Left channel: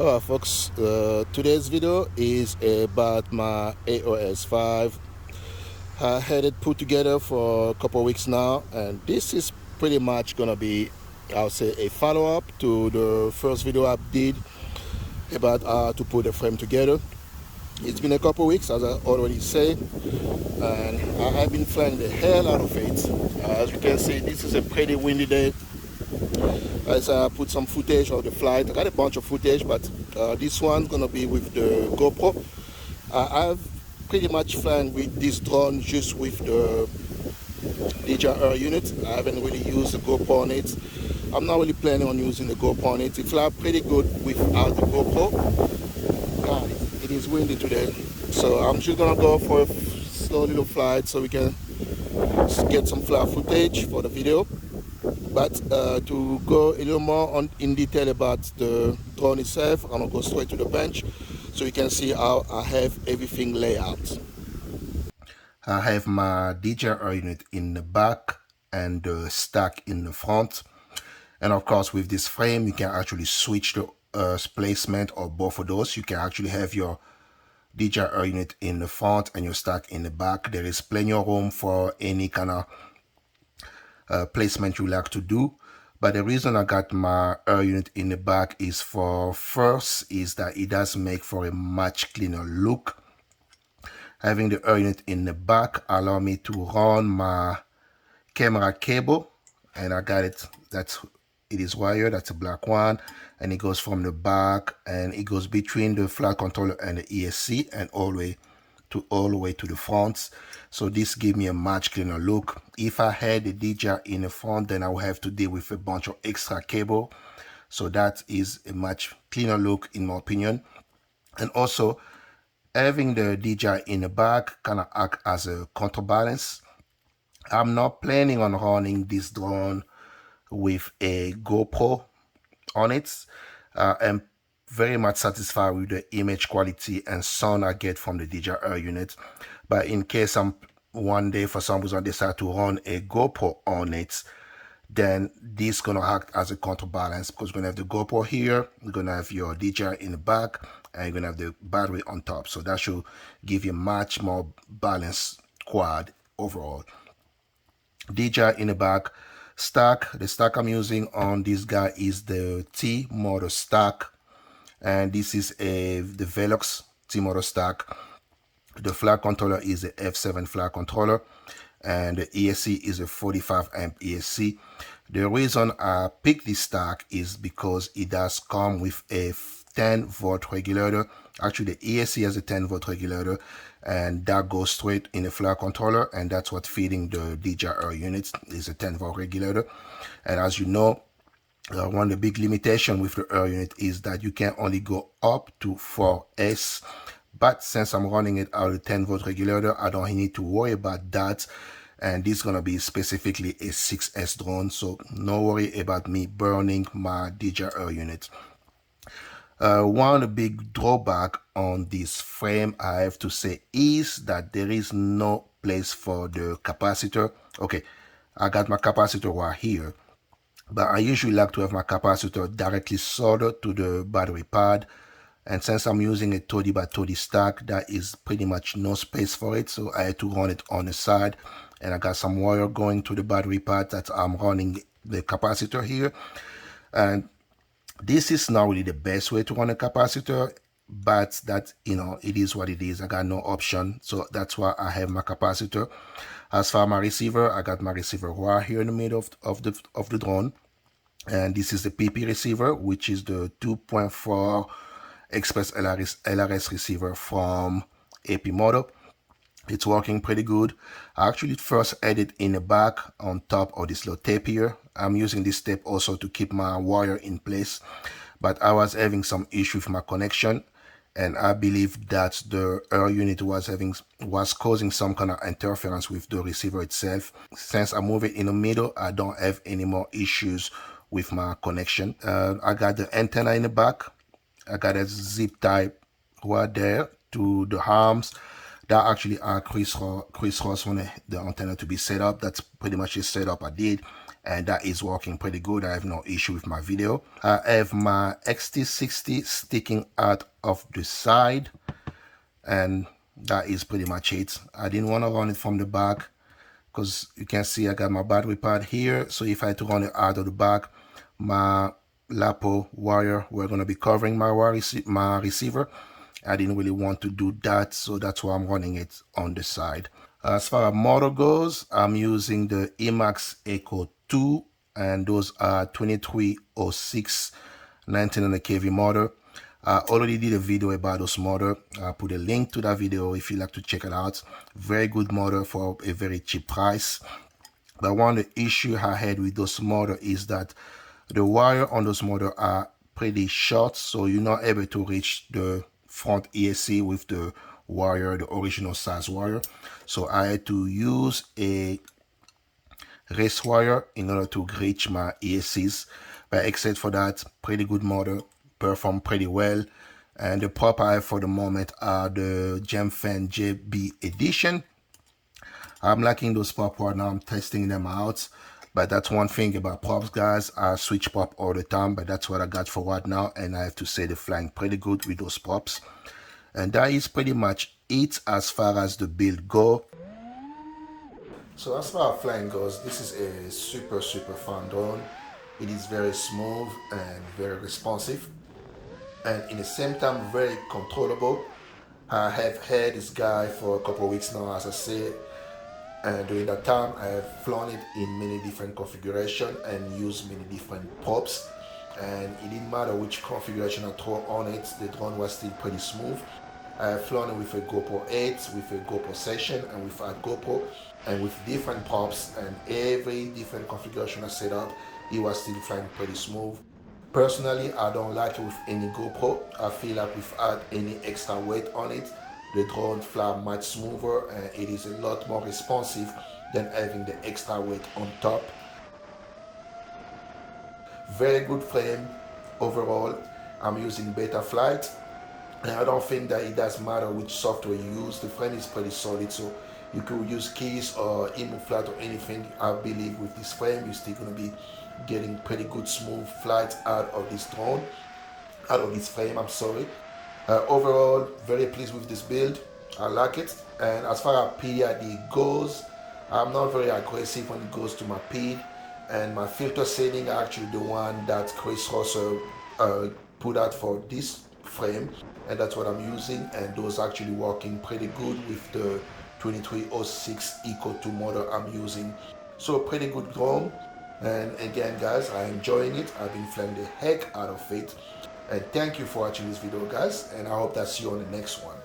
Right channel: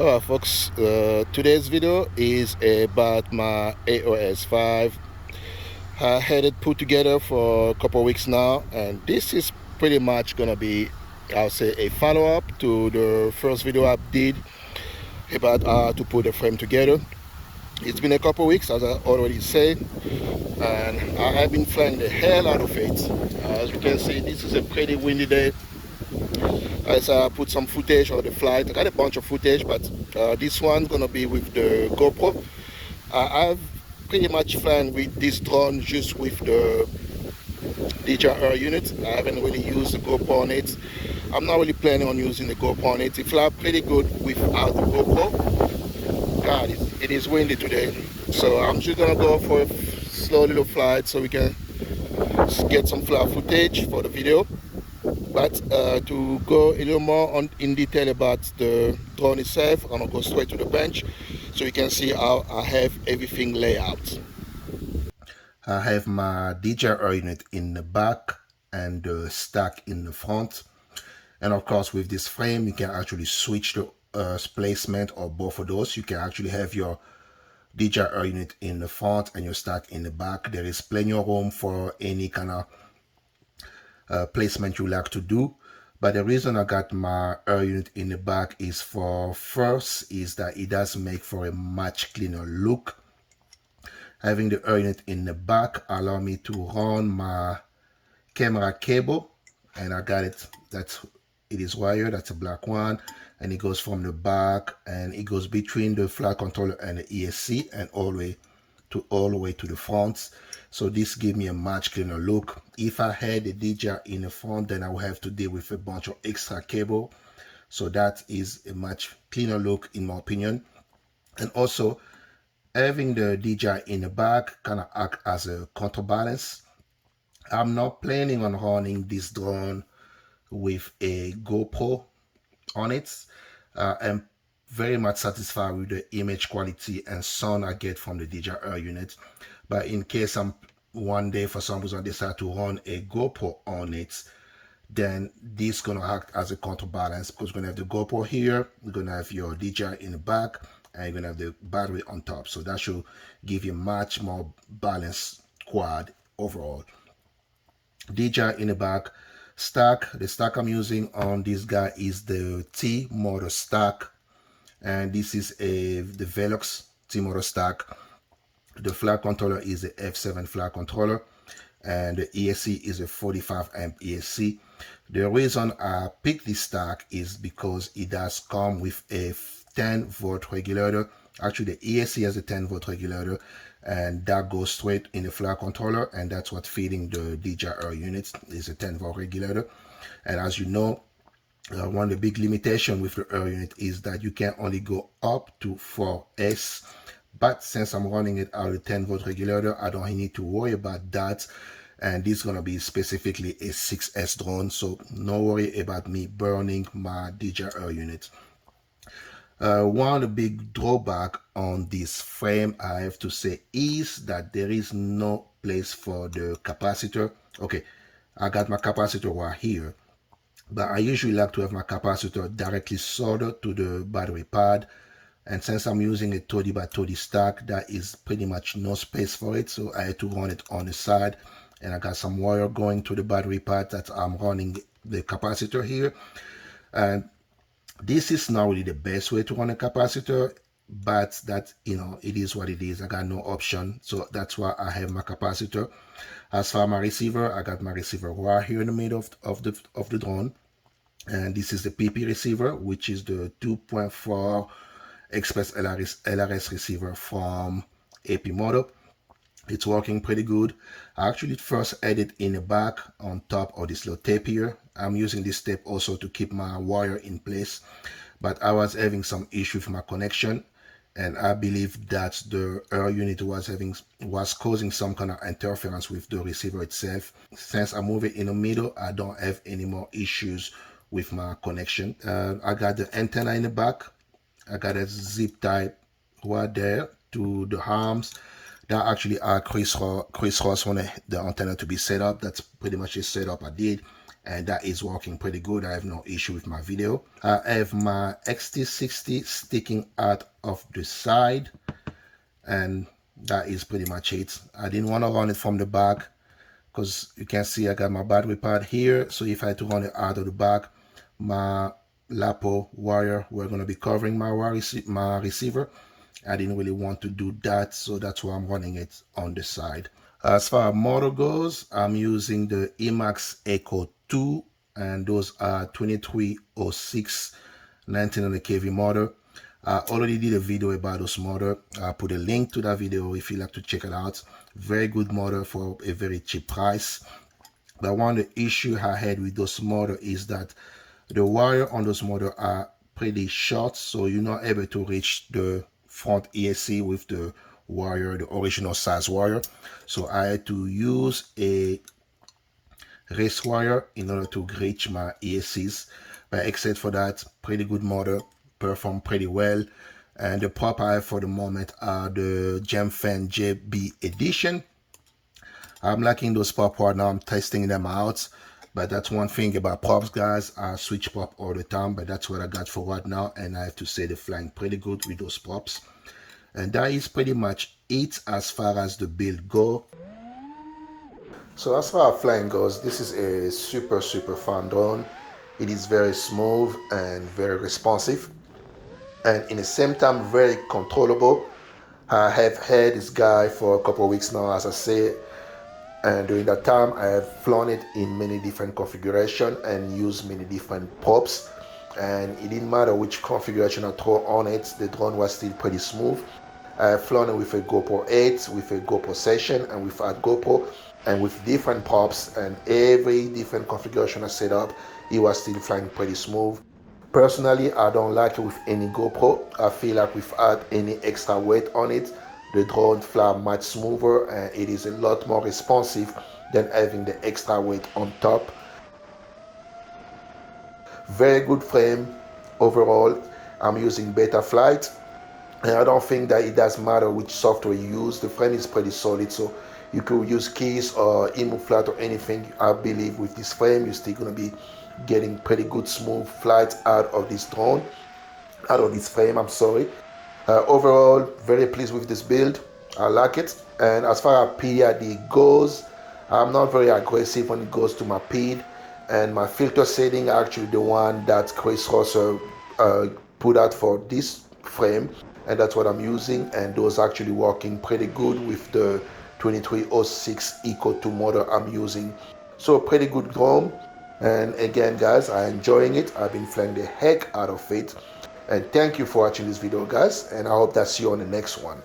Alright folks, today's video is about my AOS5. I had it put together for a couple of weeks now, and this is pretty much gonna be, I'll say, a follow-up to the first video I did about how to put a frame together. It's been a couple of weeks, as I already said, and I have been flying the hell out of it. As you can see, this is a pretty windy day. As I put some footage of the flight, I got a bunch of footage, but this one's gonna be with the GoPro. I've pretty much flown with this drone just with the DJI unit. I haven't really used the GoPro on it. I'm not really planning on using the GoPro on it. It flies pretty good without the GoPro. God, it is windy today. So I'm just gonna go for a slow little flight so we can get some flight footage for the video. But to go a little more in detail about the drone itself, I'm gonna go straight to the bench so you can see how I have everything laid out. I have my DJI unit in the back and the stack in the front. And of course, with this frame, you can actually switch the placement of both of those. You can actually have your DJI unit in the front and your stack in the back. There is plenty of room for any kind of placement you like to do. But the reason I got my air unit in the back is that it does make for a much cleaner look. Having the air unit in the back allow me to run my camera cable, and I got it. It is wired. That's a black one, and it goes from the back and it goes between the flight controller and the ESC and all the way to the front. So this gives me a much cleaner look. If I had the DJI in the front, then I would have to deal with a bunch of extra cable. So that is a much cleaner look in my opinion. And also having the DJI in the back kind of act as a counterbalance. I'm not planning on running this drone with a GoPro on it. I'm very much satisfied with the image quality and sound I get from the DJI unit. But in case one day for some reason decide to run a GoPro on it, then this is gonna act as a counterbalance because we're gonna have the GoPro here, we're gonna have your DJI in the back, and you're gonna have the battery on top. So that should give you much more balanced quad overall. DJI in the back. The stack I'm using on this guy is the T motor stack, and this is the Velox T motor stack. The flight controller is the F7 flight controller, and the ESC is a 45 amp ESC. The reason I picked this stack is because it does come with a 10 volt regulator. Actually, the ESC has a 10 volt regulator, and that goes straight in the flight controller, and that's what feeding the DJI units is a 10 volt regulator. And as you know, one of the big limitations with the air unit is that you can only go up to 4S. But since I'm running it out of the 10 volt regulator, I don't need to worry about that. And this is going to be specifically a 6S drone, so no worry about me burning my DJI unit. One of the big drawback on this frame, I have to say, is that there is no place for the capacitor. Okay, I got my capacitor right here, but I usually like to have my capacitor directly soldered to the battery pad. And since I'm using a 30 by 30 stack, that is pretty much no space for it. So I had to run it on the side, and I got some wire going to the battery pad that I'm running the capacitor here. And this is not really the best way to run a capacitor, but that, it is what it is. I got no option, so that's why I have my capacitor. As for my receiver, I got my receiver right here in the middle of the drone, and this is the PP receiver, which is the 2.4 Express LRS receiver from AP Moto. It's working pretty good. I actually first had it in the back on top of this little tape here. I'm using this tape also to keep my wire in place, but I was having some issue with my connection, and I believe that the air unit was causing some kind of interference with the receiver itself. Since I move it in the middle, I don't have any more issues with my connection. I got the antenna in the back. I got a zip tie right there to the arms. That actually crisscross wanted the antenna to be set up. That's pretty much the setup I did, and that is working pretty good. I have no issue with my video. I have my XT60 sticking out of the side, and that is pretty much it. I didn't want to run it from the back because you can see I got my battery pad here. So if I had to run it out of the back, my LaPo wire were going to be covering my receiver. I didn't really want to do that, so that's why I'm running it on the side. As far as motor goes, I'm using the Emax Echo 2, and those are 2306 1900 kV motor. I already did a video about those motor. I'll put a link to that video if you'd like to check it out. Very good motor for a very cheap price. But one of the issue I had with those motor is that the wire on those motor are pretty short, so you're not able to reach the front ESC with the wire, the original size wire. So I had to use a race wire in order to reach my ESCs. But except for that, pretty good motor, perform pretty well. And the prop I have for the moment are the Gemfan JB Edition. I'm liking those prop right now. I'm testing them out. But that's one thing about props, guys. I switch prop all the time, but that's what I got for right now. And I have to say they're flying pretty good with those props. And that is pretty much it as far as the build go. So as far as flying goes, this is a super fun drone. It is very smooth and very responsive, and in the same time very controllable. I have had this guy for a couple of weeks now, as I said, and during that time I have flown it in many different configurations and used many different props, and it didn't matter which configuration I throw on it, the drone was still pretty smooth. I have flown it with a GoPro 8, with a GoPro Session, and without GoPro, and with different props, and every different configuration I set up, it was still flying pretty smooth. Personally, I don't like it with any GoPro. I feel like without any extra weight on it, the drone fly much smoother and it is a lot more responsive than having the extra weight on top. Very good frame overall. I'm using Betaflight, and I don't think that it does matter which software you use. The frame is pretty solid, so you could use keys or InMoveFlight or anything. I believe with this frame you're still going to be getting pretty good smooth flights out of this drone, out of this frame, I'm sorry. Overall, very pleased with this build. I like it. And as far as PID goes, I'm not very aggressive when it goes to my PID, and my filter setting are actually the one that Chris Rosser put out for this frame, and that's what I'm using, and those are actually working pretty good with the 2306 Eco 2 motor I'm using. So pretty good drone, and again guys, I'm enjoying it. I've been flying the heck out of it, and thank you for watching this video guys, and I hope to see you on the next one.